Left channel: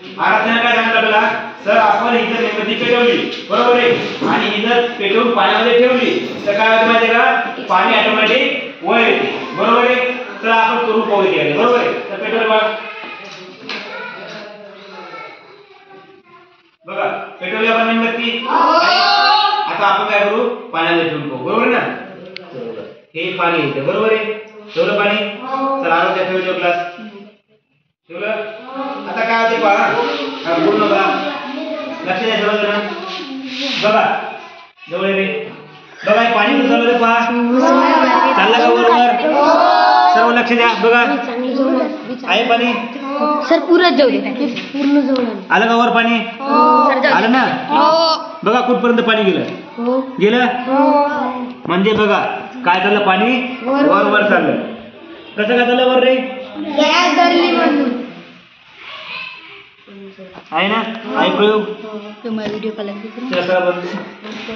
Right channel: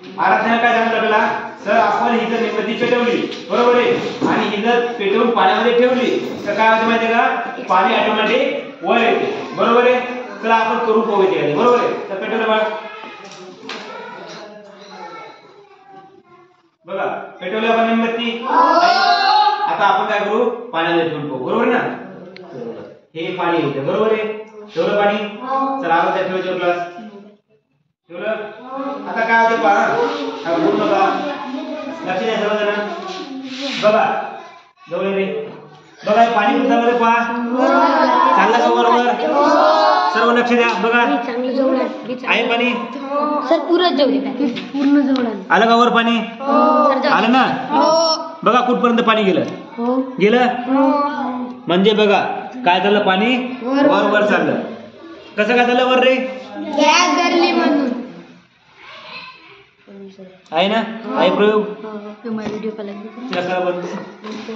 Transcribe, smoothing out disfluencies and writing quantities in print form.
आराधना काय सांगितलं आपल्याला? सर आपण ही जर मेणबत्ती पेटवली, बरोबर आहे, आणि ही जर पेटवून पाण्यामध्ये ठेवली तर काय होतं माहिती आहे का? पाणी ऑटोमॅटिक वर येते, बरोबर आहे. चला आपण करून पाहू इथे, बरोबर आहे. तर पेटवलं बघा, पेटवली आपण मेणबत्ती. आता आपण काय करू? पाण्यामध्ये ठेवून पाहू, बरोबर ना. हे पाणी येते, बरोबर आहे. ठेवलं पाणी. चला आराध्या ठेवतो ग्लास. ठेवलं. आता काय होते पहा, पूर्ण बघा, लक्ष द्या सर्वजण. बघा जवळ रे, बघा हे पाणी कुठं चाललं पहा, चाललं का बरोबर? सर्व लक्ष द्या. बघा आहे पाणी सर, पूर्ण जवळ आलं का वर पाणी? आलं ना. बघा कुठपर्यंत पाणी गेलं? गेलं. म्हणजे बघा काय झालं, पाणी वर वर चाललं. कसं काय झालं वर रे? आहे ना, आहे प्रयोग. Video call